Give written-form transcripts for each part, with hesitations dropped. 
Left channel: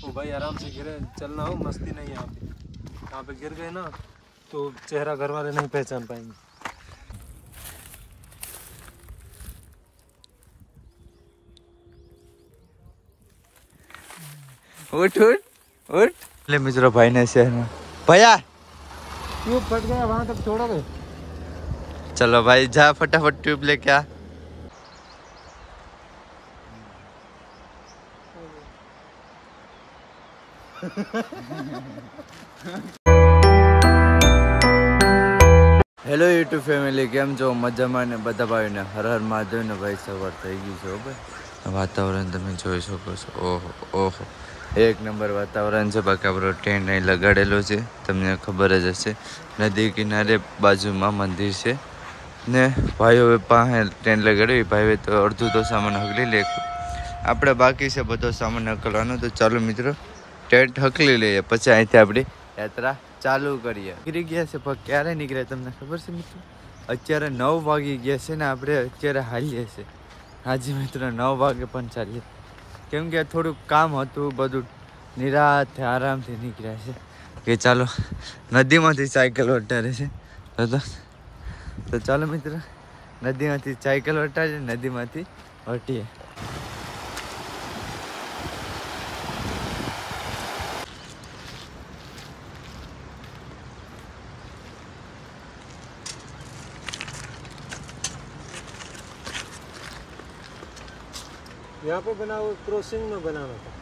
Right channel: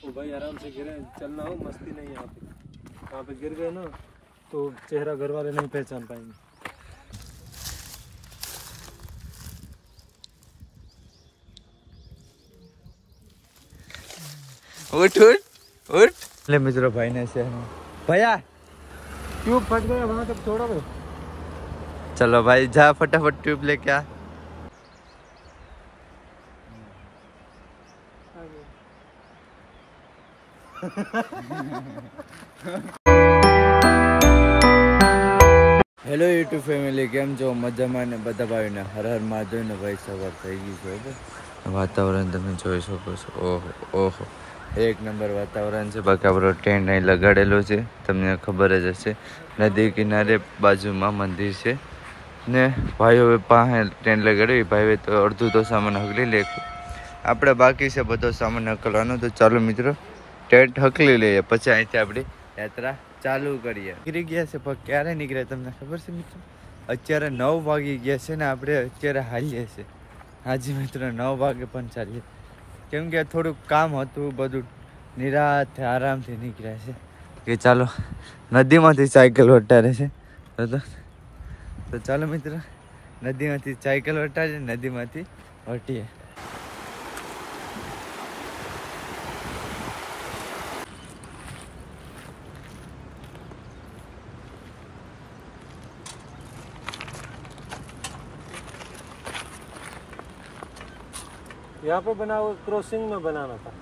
ओ भाई आराम से गिरे, चलना हो, मस्ती नहीं है यहाँ पे। यहाँ पे गिर गए ना तो चेहरा घर वाले नहीं पहचान पाएंगे। उठ उठ उठ ले मित्रों, भाई ने शहर में भैया ट्यूब फट गया, वहां तक छोड़ोगे? चलो भाई जा फटाफट ट्यूब लेके आ। હેલો યુટ્યુબ ફેમિલી, કેમ છો? મજામાં ને? બધા ભાઈને હર હર મહાદેવ ને ભાઈ, સવાર થઈ ગઈ છે ભાઈ। વાતાવરણ તમે જોઈ શકો છો, ઓહો ઓહો એક નંબર વાતાવરણ છે। બાકી આપણો ટેન્ટ અહીં લગાડેલો છે, તમને ખબર જ હશે। નદી કિનારે બાજુમાં મંદિર છે ને ભાઈઓ પાસે ટેન્ટ લગાડ્યો, ભાઈ તો અડધું તો સામાન હકલી લે, આપણે બાકી છે બધો સામાન હકલવાનો। તો ચાલો મિત્રો ટેન્ટ હકલી લઈએ, પછી અહીંથી આપણી યાત્રા ચાલુ કરીએ। નીકળી ગયા છે, પણ ક્યારે નીકળ્યા તમને ખબર છે મિત્રો? અત્યારે 9 વાગી ગયા છે ને આપણે અત્યારે હાલીએ છીએ। હાજી મિત્રો 9 વાગે પણ ચાલીએ, કેમ કે થોડુંક કામ હતું, બધું નિરાતે આરામથી નીકળ્યા છે કે ચાલો નદીમાંથી સાયકલ વટારે છે। તો ચાલો મિત્રો નદીમાંથી સાયકલ વટારીએ, નદીમાંથી હટીએ। यहाँ पे बना हुआ क्रॉसिंग में बनाना था,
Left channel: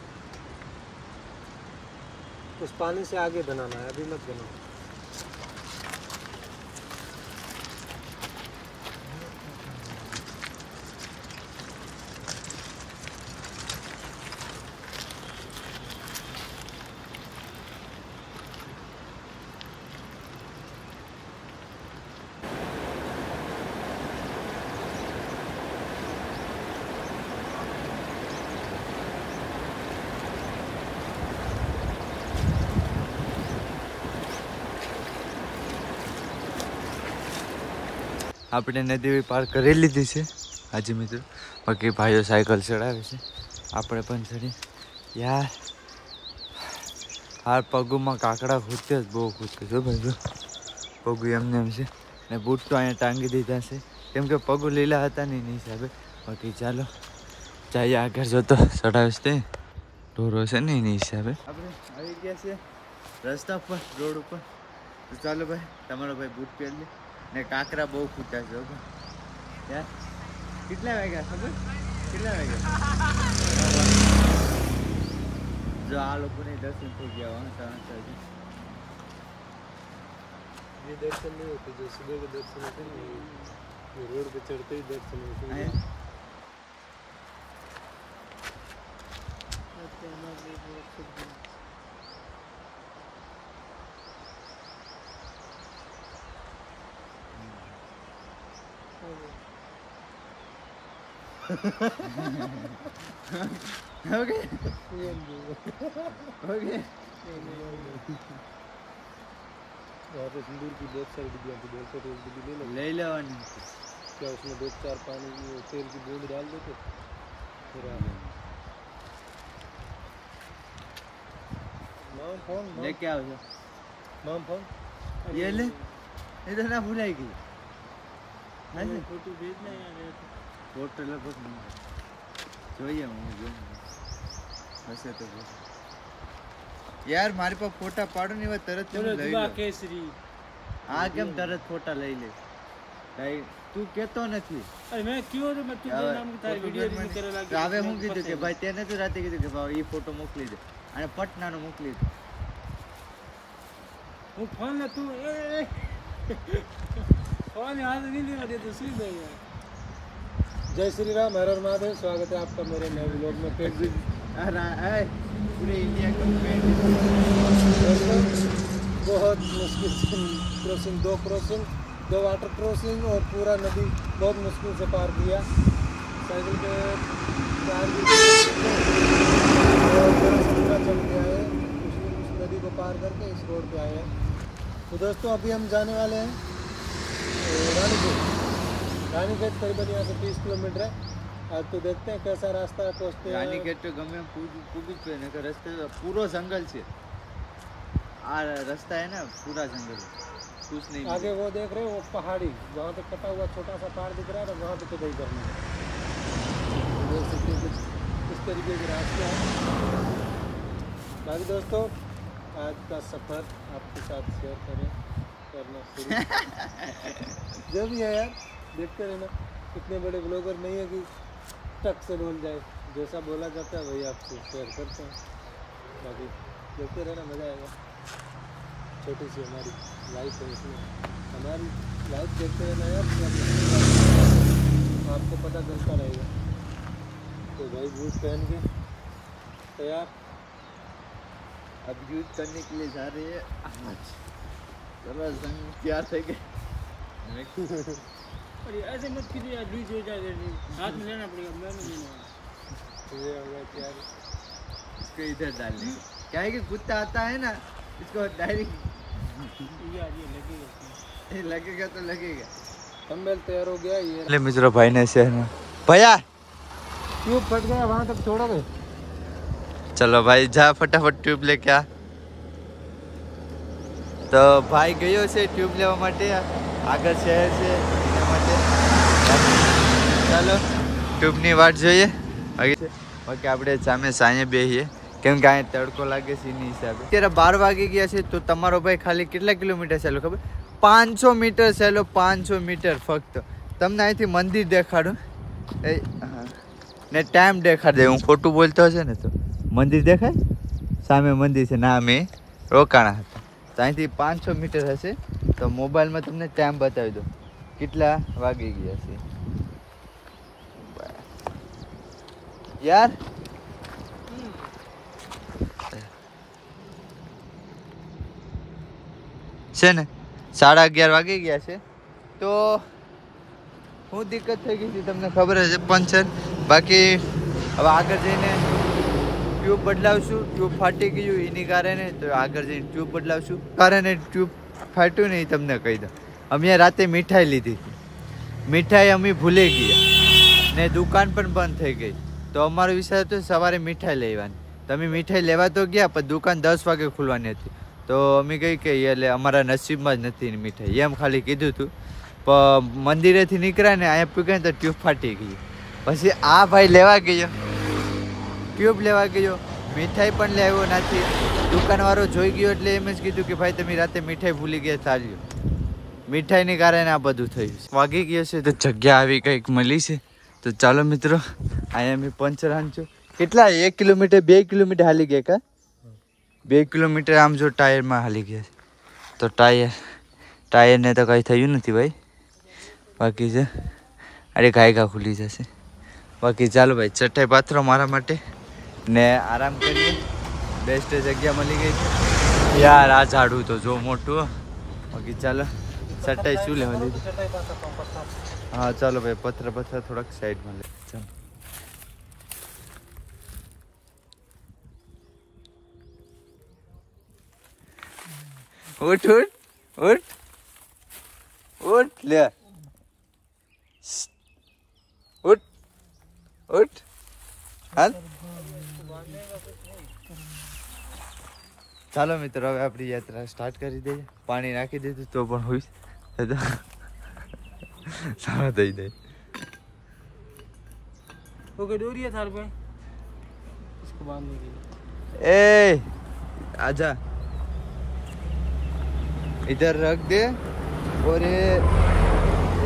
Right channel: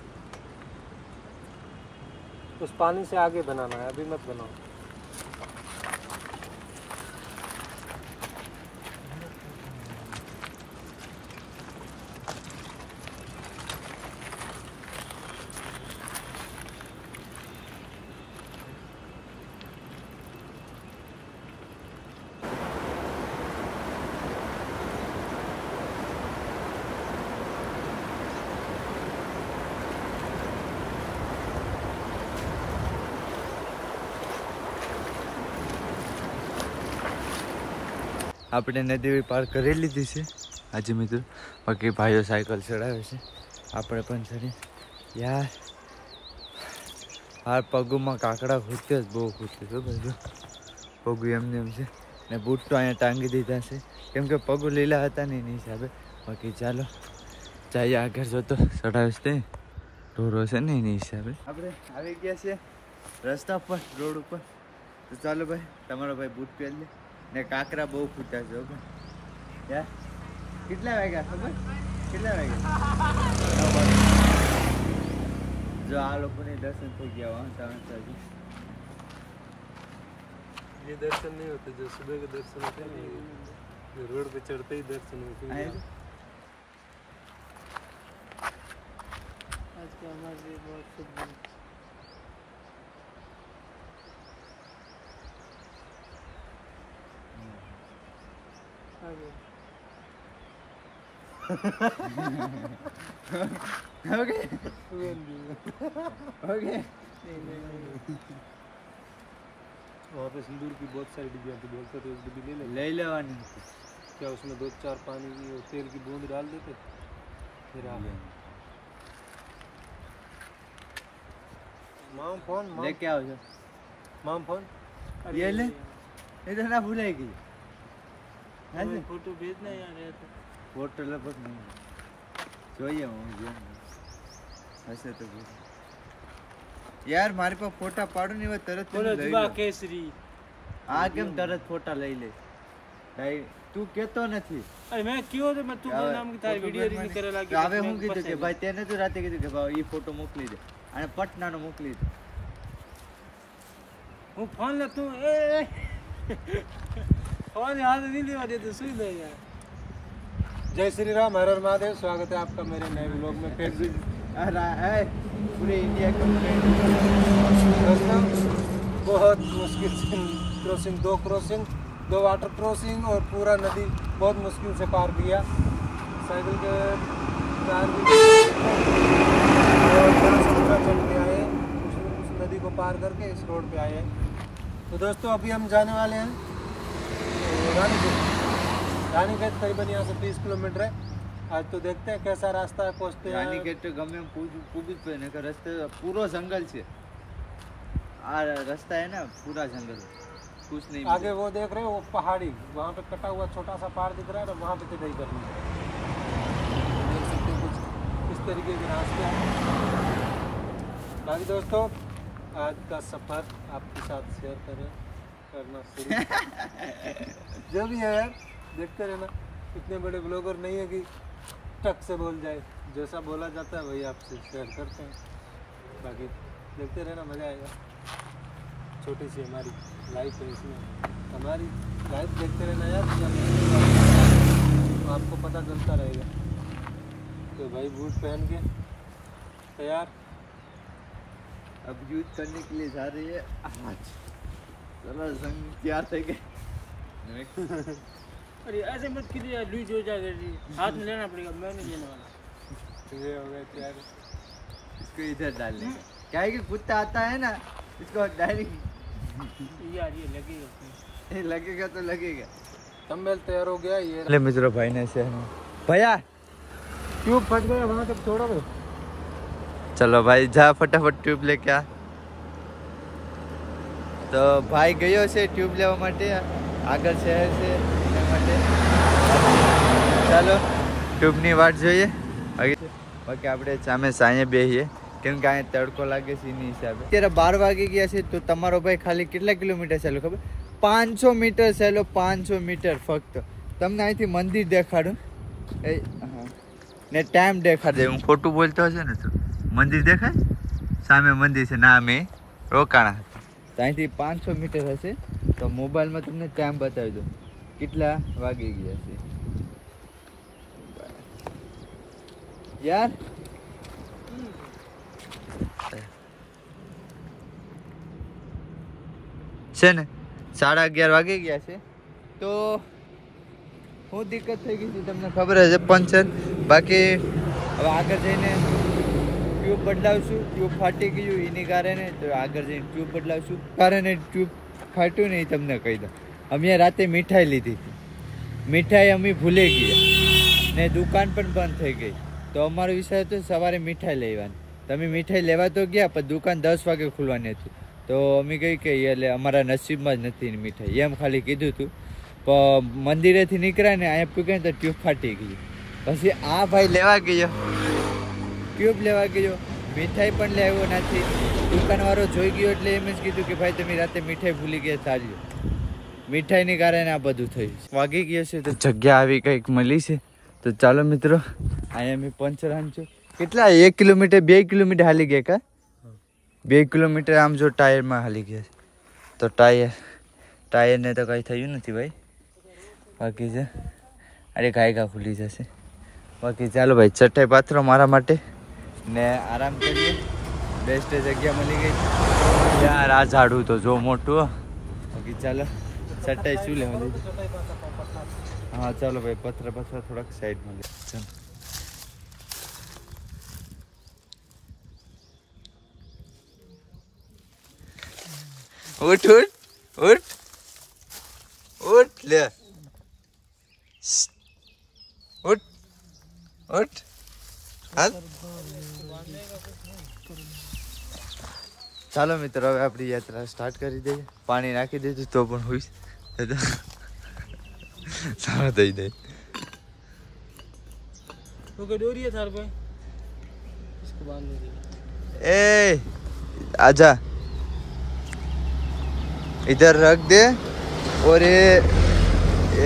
उस पानी से आगे बनाना है, अभी मत बनाओ। આપણે નદી પાર કરી લીધી છે આજે મિત્રો। બાકી ભાઈઓ સાયકલ ચડાવે છે, આપણે પણ ચડીએ। યાર હાર પગુમાં કાકડા ખૂટે જ, બહુ ખૂટે છે ભાઈ, પગુ એમને એમ છે ને બૂટ તો અહીંયા ટાંગી દીધા છે, કેમ કે પગુ લીલા હતા ને એની હિસાબે। બાકી ચાલો જઈએ આગળ, જોતો ચડાવીશ તે ઢોરો છે ને એની હિસાબે। આપણે આવી ગયા છે રસ્તા પર, રોડ ઉપર। તો ચાલો ભાઈ, તમારો ભાઈ બૂટ પહેરી લે ને કાંકરા બહુ ખૂટ્યા છે ભાઈ। યાર કેટલા વાગ્યા ખબર? કેટલા વાગ્યા? 9 વાગ્યા। જો આ લોકોને દર્શન થઈ ગયા વાંચા વાંચા છે। ये दर्शन नहीं होते जो सुबह के दर्शन होते हैं, ये रोड पे चढ़ते ही दर्शन होते हैं। आज का हमारे लिए बहुत शुभ दिन। Okay okay. वहाँ पे सिंदूर की बहुत सारी डिब्बियाँ थी, बोलते तो एक डिब्बी ले लेवानी थी क्या, उसमें 2-4 पानी की तेल की बूंद डाल देते फिर माम फोन लेके आओ जो माम फोन ये ले, इधर ना भूलेगी। फोटो भेजना यार है तो फोटो लगभग नहीं જોઈએ હું જો હશે તો જો યાર મારી પાસે ફોટા પાડો ને એવા તરત તમે લઈ લો। કેસરી આ કેમ તરત ફોટા લઈ લે? તું કેતો નથી? અરે મેં કયો તો મેં તું નામ की તારી વિડિયો રીડ કરે લાગી। હવે હું કીધું કે ભાઈ તેને તો રાતે કીધું કે ભાઈ એ ફોટો મોકલી દે, અને પટનાનો મોકલી દે। હું ફોન લે તું એ फोन याद नहीं लेवा दे तो सुई दे यार। जय श्री राम, हर हर महादेव, स्वागत है आपका मेरे नए व्लॉग में। पूरे इंडिया का बहुत मुश्किल से क्रॉसिंग, 2 क्रॉसिंग, 2 वाटर क्रॉसिंग और पूरा नदी बहुत मुश्किल से पार किया। उस नदी को पार करके इस रोड पे आए हैं। तो दोस्तों अभी हम जाने वाले हैं रानीखेत। रानीखेत करीबन यहाँ से 30 किलोमीटर है। आज तो देखते हैं कैसा रास्ता है, पहुँचते हैं। રાનીખેડ તો ગમે એમ પૂગું જ પડે, નકર રસ્તે પૂરો જંગલ છે. આ રસ્તા है ना पूरा जंगल, कुछ नहीं आगे मिलेगा. वो देख रहे हो वो पहाड़ी, वहाँ पे कटा हुआ छोटा सा पहाड़ दिख रहा है, वहाँ पे तो नहीं करना है। देख सकते हैं कुछ इस तरीके के रास्ते हैं। बाकी दोस्तों आज का सफ़र आपके साथ शेयर करना शुरू जो भी है यार देखते रहना। इतने बड़े ब्लॉगर नहीं है कि टक से बोल जाए, जैसा बोला जाता है वही आपसे शेयर करते हैं। बाकी देखते रहना, मज़ा आएगा। छोटी सी हमारी लाइफ है, उसमें हमारी लाइफ देखते रहना यार, आपको पता चलता रहेगा। तो भाई बूट पहन के तैयार, अब यूज करने के लिए जा रही है. आज चलो संग क्या थे के अरे ऐसे मत कीजिए यार, लूज हो जाएगा जी, हाथ में लेना पड़ेगा, मैं नहीं लेने वाला। ये हो गया क्या है? इसको इधर डालने का. क्या है कि कुत्ता आता है ना, इसको डायरेक्ट यार ये लगेगा इसमें। लगेगा तो लगेगा. थंबनेल तैयार हो गया ये। ले मित्रों भाई ने शहर में भैया ट्यूब फट गया, वहाँ तक छोड़ोगे? चलो भाई जा फटाफट ट्यूब लेके आ. તો ભાઈ ગયો છે ટ્યુબ લેવા માટે આગળ શહેર છે એના માટે. ચાલો ટ્યુબની વાટ જોઈએ. બાકી આપણે સામે સાંજે બેસીએ કેમ કે અહીંયા તડકો લાગે છે એની હિસાબે. અત્યારે 12 વાગી ગયા છે તો તમારો ભાઈ ખાલી કેટલા કિલોમીટર ચાલ્યો ખબર? 500 મીટર ચાલ્યો. 500 મીટર ફક્ત. તમને અહીંથી મંદિર દેખાડું હા ને ટાઈમ દેખાડી દે. હું ખોટું બોલતો હશે ને તો મંદિર દેખાય? સામે મંદિર છે ના, અમે રોકાણા હતા. તો અહીંથી 500 મીટર હશે. તો મોબાઈલમાં તમને ટાઈમ બતાવી દો કેટલા વાગી ગયા છે યાર. છે ને 11:30 વાગી ગયા છે. તો શું દિક્કત થઈ ગઈ છે તમને ખબર હશે, પંચર. બાકી હવે આગળ જઈને ટ્યુબ બદલાવશું. ટ્યુબ ફાટી ગયું એની કારણે, તો આગળ જઈને ટ્યુબ બદલાવશું. કારણે ટ્યુબ ફાટ્યું ને એ તમને કહી દઉં. અમે રાતે મીઠાઈ લીધી હતી, મીઠાઈ અમે ભૂલી ગયા ને દુકાન પણ બંધ થઈ ગઈ. તો અમારો વિચાર હતો સવારે મીઠાઈ લેવાની. તમે મીઠાઈ લેવા તો ગયા પણ દુકાન 10 વાગે ખુલવાની હતી. તો અમે કહી કે એટલે અમારા નસીબમાં જ નથી મીઠાઈ, એમ ખાલી કીધું હતું. પણ મંદિરેથી નીકળ્યા ને અહીંયા પૂગ્યા તો ટ્યુબ ફાટી ગઈ. પછી આ ભાઈ લેવા ગયો, ટ્યુબ લેવા ગયો, મીઠાઈ પણ લેવો નથી. દુકાનવાળો જોઈ ગયો એટલે એમ જ કીધું કે ભાઈ તમે રાતે મીઠાઈ ભૂલી ગયા ચાલ્યો. મીઠાઈને કારણે આ બધું થયું. વાગી ગયો છે તો જગ્યા આવી કંઈક મળી છે. તો ચાલો મિત્રો અહીંયા મેં પંચર હાંચો. કેટલા 1 કિલોમીટર 2 કિલોમીટર હાલી ગયા કા? 2 કિલોમીટર આમ જો ટાયરમાં હાલી ગયા. તો ટાયરને તો કંઈ થયું નથી ભાઈ. બાકી છે અરે ઘાયગા ખુલી જશે. બાકી ચાલો ભાઈ ચટાઈ પાથરો મારા માટે ને આરામ કરીએ. બેસ્ટ જગ્યા મળી ગઈ યાર. આ ઝાડું તો જો મોટું. બાકી ચાલો ચટાઈ શું લેવા લીધું? હા ચાલો ભાઈ પથ્થર થોડાક સાઈડમાં લે. ચાલો ઉઠ ઉઠ ઉઠ ઉઠ લે ઉઠ ઉઠ હાલ. ચાલો મિત્રો હવે આપણી યાત્રા સ્ટાર્ટ કરી દઈએ. પાણી નાખી દીધું તો પણ હોય સારા થઈ જાય. वो कोई डोरी है थार पे, इसको बांधने के लिए। ए आजा इधर रख दे और ये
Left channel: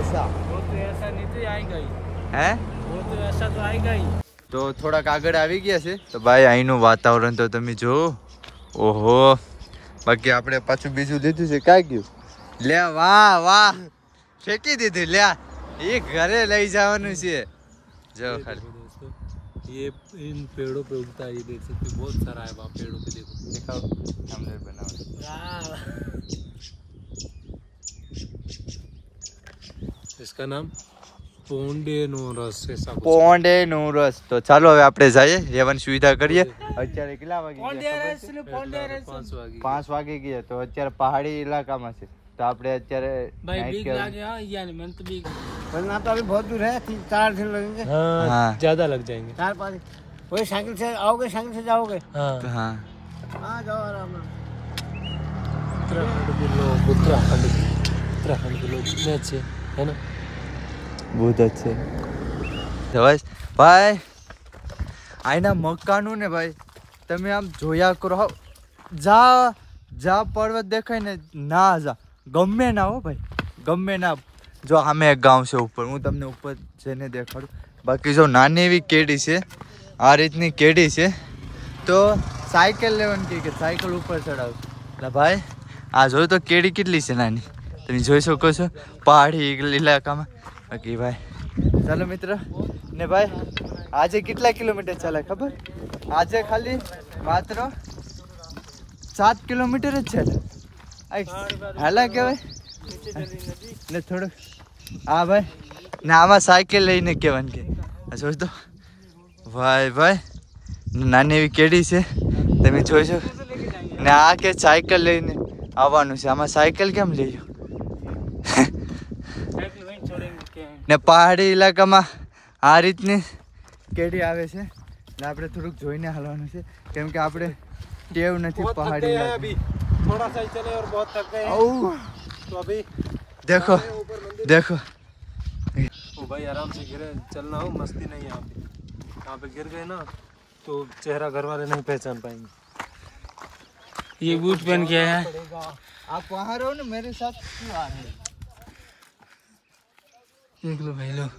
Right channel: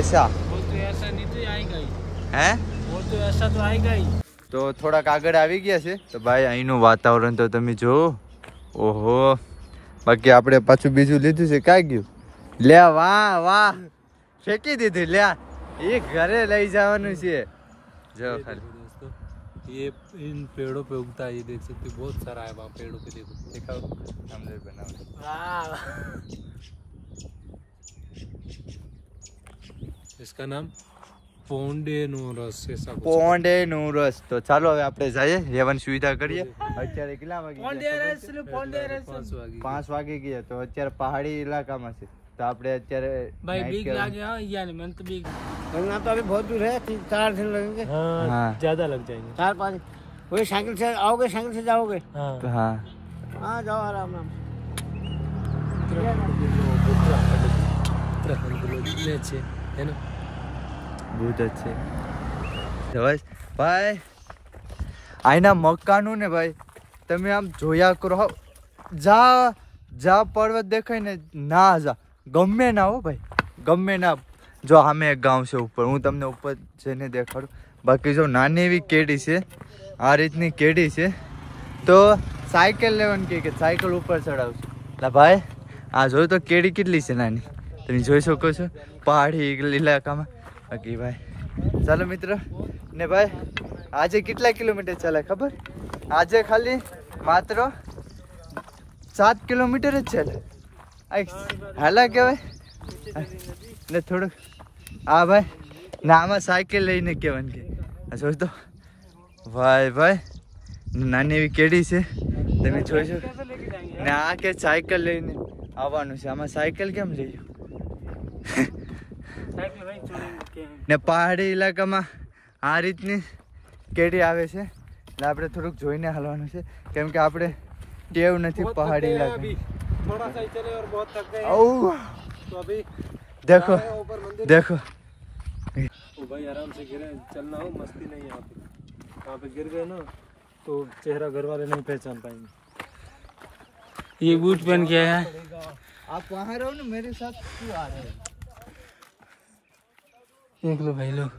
ऐसा वो तो ऐसा नहीं तो आएगा ही, है वो तो ऐसा तो आएगा ही। તો થોડાક આગળ આવી ગયા છે. તો ભાઈ અહીંનું વાતાવરણ તો તમે જો. ઓહો બાકી આપણે પાછું બીજું લીધું છે. ક્યાં ગયું? લે વાહ વાહ ફેંકી દીધું. લે એ ઘરે લઈ જવાનું છે. જો ખાલી दोस्तों ये इन पेड़ों पे उगता है, ये देख सकते हो बहुत सारा है वहाँ पेड़ों पे. देखो દેખાવ આમલેટ બનાવવાનું. वाह, इसका नाम પોન્ડેનોરસ ऐसा कुछ. પોંડેનો રસ. તો ચાલો હવે આપણે જઈએ, રહેવાની સુવિધા કરીએ. અત્યારે કેટલા વાગે? पोंडेरस 5 वागे 5 વાગે ગયા. તો અત્યારે પહાડી ઇલાકામાં છે. તો આપણે અત્યારે भाई night बीक કરવા- लागे हाँ, यानी मन तो बीक वरना तो अभी बहुत दूर है, 4 दिन लगेंगे। हाँ। ज्यादा लग जाएंगे। 4-5 वही साइकिल से आओगे, साइकिल से जाओगे। तो हाँ हाँ जाओ आराम आराम। उत्तराखंड के लोग कितने अच्छे है ना। बहुत अच्छे ભાઈ આના મકાનો ને ભાઈ તમે આમ જોયા કરો જા પર્વત દેખાય ને ના જા ગમે ના હો ભાઈ ગમે ના જો આમે એક ગામ છે ઉપર હું તમને ઉપર જઈને દેખાડું બાકી જો નાની એવી કેડી છે આ રીતની કેડી છે તો સાયકલ લેવાની કે સાયકલ ઉપર ચડાવશું એટલે ભાઈ આ જોયું તો કેડી કેટલી છે નાની તમે જોઈ શકો છો પહાડી ઇલાકામાં બાકી ભાઈ ચાલો મિત્ર ને ભાઈ આજે કેટલા કિલોમીટર ચાલે ખબર આજે ખાલી માત્ર 7 કિલોમીટર જ ચાલે હાલા કહેવાય ને થોડુંક હા ભાઈ ને આમાં સાયકલ લઈને કહેવાનું કે જોઈ તો ભાઈ નાની એવી કેડી છે તમે જોઈ શકો ને આ કે સાયકલ લઈને આવવાનું છે આમાં સાયકલ કેમ લઈ ને પહાડી ઇલાકામાં આ રીતની કેડી આવે છે એટલે આપણે થોડુંક જોઈને હાલવાનું છે કેમ કે આપણે ટેવ નથી પહાડી ઇલાકા थोड़ा सा ही चले और बहुत थक गए ઓ तो अभी देखो देखो ओ भाई आराम से गिरे चलना हो मस्ती नहीं है यहाँ पे गिर गए ना तो चेहरा घर वाले नहीं पहचान पाएंगे। ये बूट पहन के आया है। आप वहाँ रहो ना मेरे साथ क्यों आ रहे हो देख लो भाई लोग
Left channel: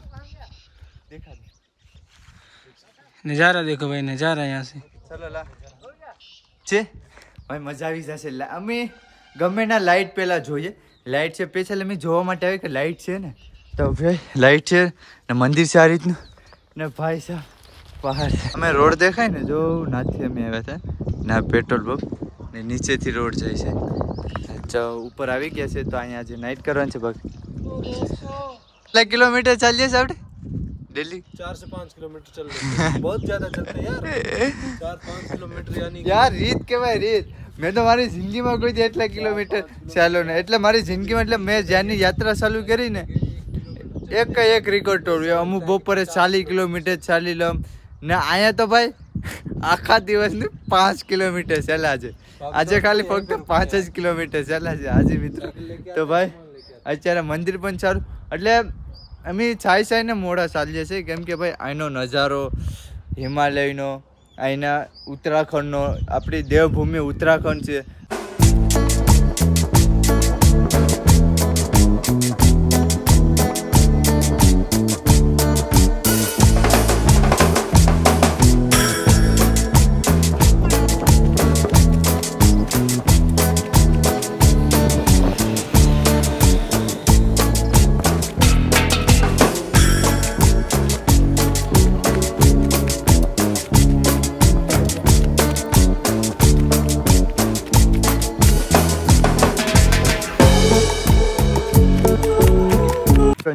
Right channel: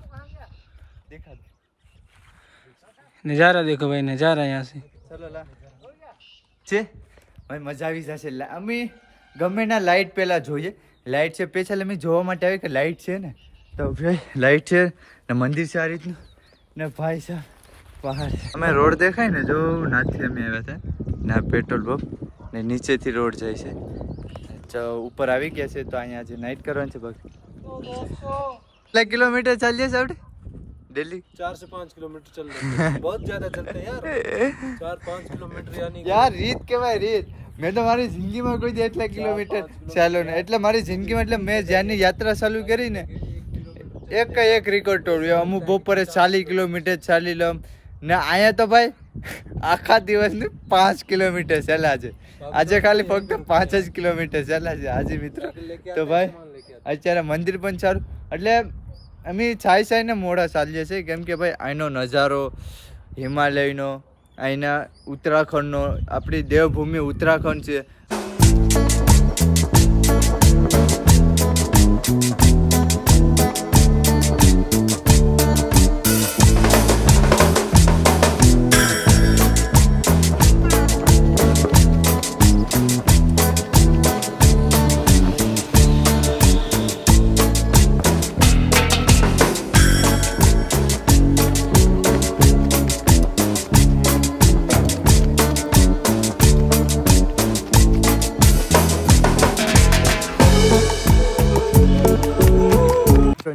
देखा दे नज़ारा देखो भाई नज़ारा यहाँ से। ચલો લા છે ભાઈ મજા આવી જશે અમે ગમે ના લાઇટ પહેલા જોઈએ લાઇટ છે પેછા અમે જોવા માટે આવે કે લાઇટ છે ને તો ભાઈ લાઇટ છે ને મંદિર છે આ રીતનું ને ભાઈ સાહેબ પહાડ છે અમે રોડ દેખાય ને જો નાથી અમે આવ્યા હતા ને પેટ્રોલ પંપ ને નીચેથી રોડ જાય છે જો ઉપર આવી ગયા છે તો અહીંયા આજે નાઇટ કરવાની છે બાકી કેટલા કિલોમીટર ચાલીએ છીએ આપણે डेली 4 से 5 किलोमीटर चल रहे हैं बहुत ज्यादा चलते हैं यार 4-5 किलोमीटर यानी यार રીત કહેવાય રીત મેં તો મારી જિંદગીમાં કોઈ દી એટલા કિલોમીટર ચાલ્યો ને એટલે મારી જિંદગીમાં એટલે મેં જ્યાંની યાત્રા ચાલુ કરી ને એક રેકોર્ડ તોડ્યો અમુક બપોરે 40 કિલોમીટર ચાલી લઉં ને અહીંયા તો ભાઈ આખા દિવસની 5 કિલોમીટર ચાલ્યા છે આજે ખાલી ફક્ત 5 જ કિલોમીટર ચાલ્યા છે આજે મિત્રો તો ભાઈ અત્યારે મંદિર પણ સારું એટલે અમે છાઈને મોડા ચાલીએ છીએ કેમ કે ભાઈ અહીંનો નજારો હિમાલયનો અહીંના ઉત્તરાખંડનો આપણી દેવભૂમિ ઉત્તરાખંડ છે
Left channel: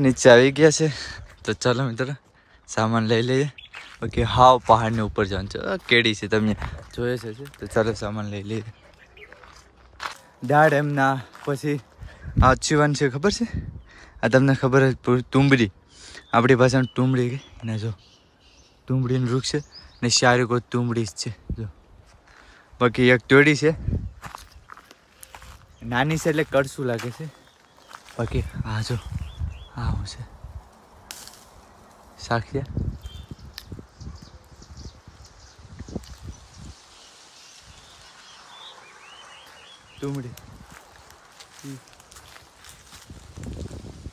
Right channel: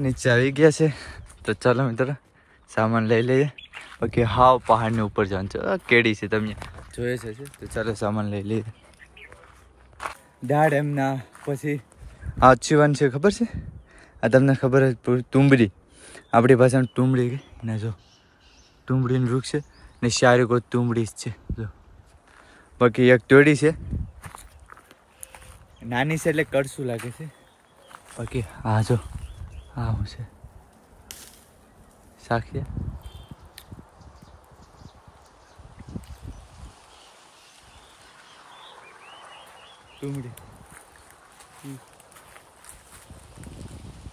નીચે આવી ગયા છે તો ચાલો મિત્રો સામાન લઈ લઈએ બાકી હાવ પહાડની ઉપર જવાનું છે કેડી છે તમે જોયે છે તો ચાલો સામાન લઈ લઈએ દાડ એમના પછી આ છીવાન છે ખબર છે આ તમને ખબર જ તુંબડી આપણી ભાષામાં તુંબડી કે એના જો તુંબડીનું વૃક્ષ છે ને સારી કોઈ તુંબડી જ છે જો બાકી એક તોડી છે નાની છે એટલે કડશું લાગે છે બાકી આ જો હા હું છે સાક્ષી તુમડી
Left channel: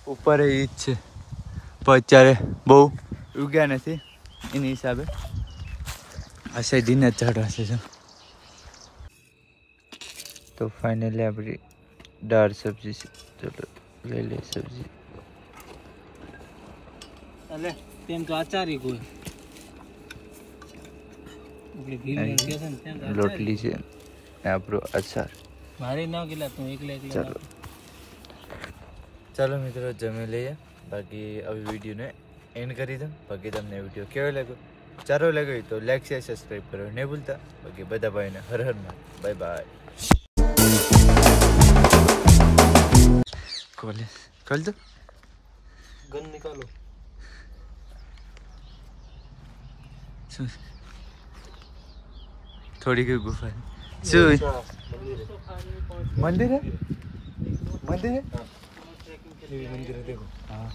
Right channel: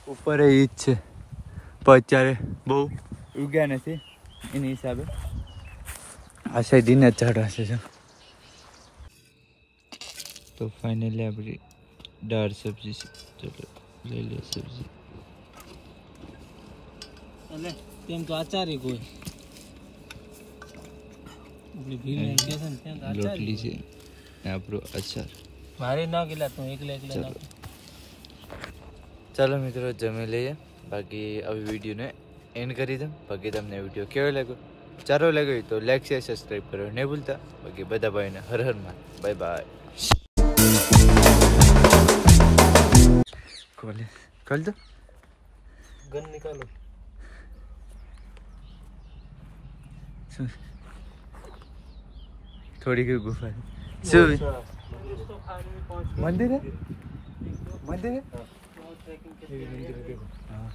ઉપર એ જ છે પણ અત્યારે બહુ ઉગ્યા નથી એની હિસાબે આ સાઈડ દિન જ ચડવા છે તો ફાઇનલી આપણી દાળ સબ્જી છે ચલો લઈ લે સબ્જી अले तेम तो आचार ही कोई अपनी भीड़ में गया था तेम तो रोटली છે ને આપણો અચાર मारी ना गिला तू एकले ચાલો ચાલો મિત્રો જમી લઈએ બાકી હવે વિડીયોને એન્ડ કરી દઉં બાકી તમને વિડીયો કેવો લાગ્યો સારો લાગ્યો તો લાઈક શેર સબસ્ક્રાઈબ કરો નહીં ભૂલતા બાકી બધા ભાઈને હર હર માં બાય બાય કોલેજ ખોલ દો गन निकालो। थोड़ी की गुफा है। मंदिर है, मंदिर है, ये भी मंदिर है देखो। हाँ।